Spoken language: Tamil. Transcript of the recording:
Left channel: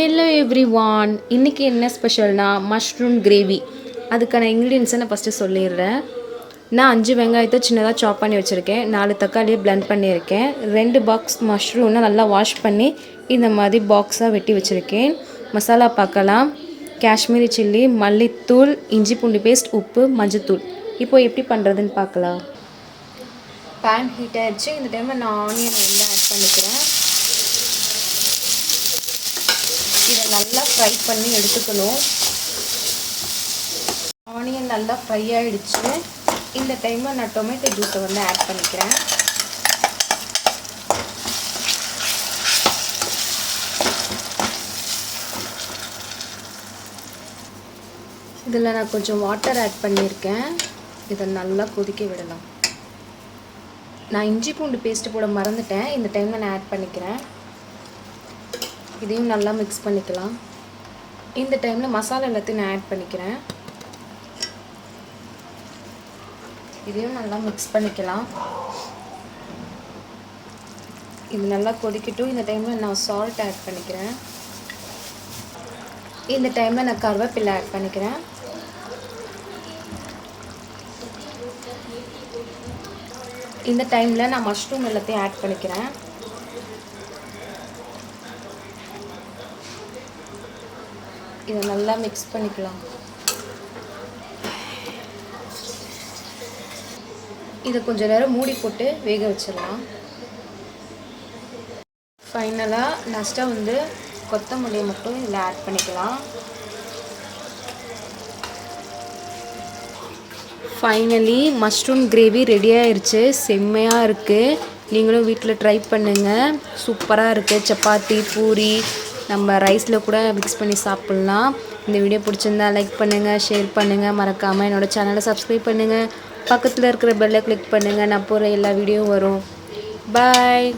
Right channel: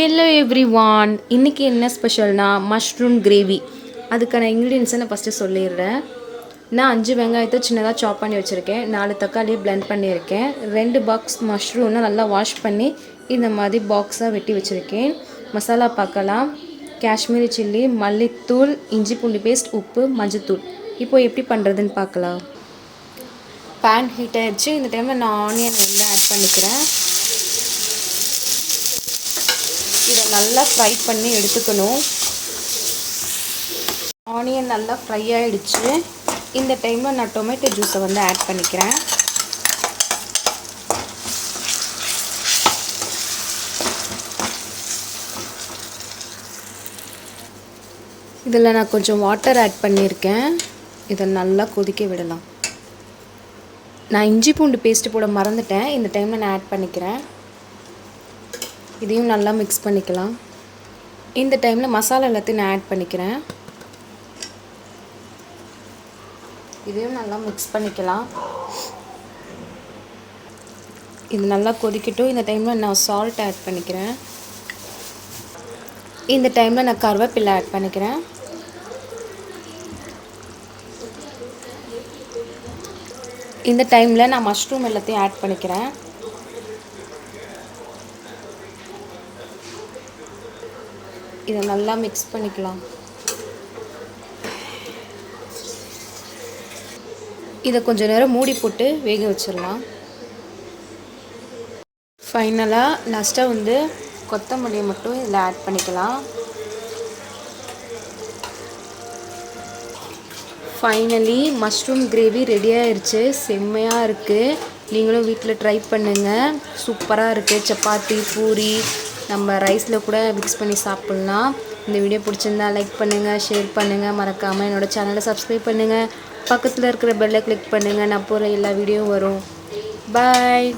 ஹலோ எவ்ரிவான், இன்றைக்கி என்ன ஸ்பெஷல்னா மஷ்ரூம் கிரேவி. அதுக்கான இன்க்ரீடியன்ஸை நான் ஃபஸ்ட்டு சொல்லிடுறேன். நான் 5 வெங்காயத்தை சின்னதாக சாப் பண்ணி வச்சுருக்கேன், 4 தக்காளியை பிளெண்ட் பண்ணியிருக்கேன், 2 பாக்ஸ் மஷ்ரூம்னா நல்லா வாஷ் பண்ணி இந்த மாதிரி பாக்ஸாக வெட்டி வச்சுருக்கேன். மசாலா பார்க்கலாம். காஷ்மீரி சில்லி, மல்லித்தூள், இஞ்சி பூண்டு பேஸ்ட், உப்பு, மஞ்சத்தூள். இப்போது எப்படி பண்ணுறதுன்னு பார்க்கலாம். பேன் ஹீட் ஆகிடுச்சு. இந்த டைமில் நான் ஆனியன் வந்து ஆட் பண்ணிக்கிறேன். இதை நல்லா ஃப்ரை பண்ணி எடுத்துக்கணும். ஆனியன் நல்லா ஃப்ரை ஆகிடுச்சு. இந்த டைமில் நான் டொமேட்டோ ஜூஸை வந்து ஆட் பண்ணிக்கிறேன். இதில் நான் கொஞ்சம் வாட்டர் ஆட் பண்ணியிருக்கேன். இதை நல்லா கொதிக்க விடலாம். நான் இஞ்சி பூண்டு பேஸ்ட்டு போட மறந்துட்டேன். இந்த டைமில் நான் ஆட் பண்ணிக்கிறேன். இதையும் நல்லா மிக்ஸ் பண்ணிக்கலாம். இந்த டைமில் மசாலா எல்லாத்தையும் நான் ஆட் பண்ணிக்கிறேன். இதையும் நல்லா மிக்ஸ் பண்ணிக்கலாம். இது நல்லா கொதிக்கட்டும். இந்த டைமில் நான் சால்ட் ஆட் பண்ணிக்கிறேன். இந்த டைமில் நான் கருவேப்பிலை ஆட் பண்ணிக்கிறேன். இந்த டைமில் நான் மஷ்ரூம் எல்லாத்தையும் ஆட் பண்ணிக்கிறேன். இதை நல்லா மிக்ஸ் பண்ணிக்கலாம். இதை கொஞ்சம் நேரம் மூடி போட்டு வேக வச்சிடலாம். ஃபைனலாக லாஸ்ட்டாக வந்து கொத்தமல்லியை மட்டும் இதில் ஆட் பண்ணிக்கலாம். ஃபைனலி மஷ்ரூம் கிரேவி ரெடி ஆயிடுச்சு. செம்மையாக இருக்குது. நீங்களும் வீட்டில் ட்ரை பண்ணுங்கள். சூப்பராக இருக்குது. சப்பாத்தி, பூரி, நம்ம ரைஸில் கூட மிக்ஸ் பண்ணி சாப்பிட்லாம். இந்த வீடியோ பிடிச்சிருந்தா லைக் பண்ணுங்கள், ஷேர் பண்ணுங்கள், மறக்காமல் என்னோடய சேனலை சப்ஸ்கிரைப் பண்ணுங்கள். பக்கத்தில் இருக்கிற பெல்லை கிளிக் பண்ணுங்கள். நான் போகிற எல்லா வீடியோவும் வரும். பாய்.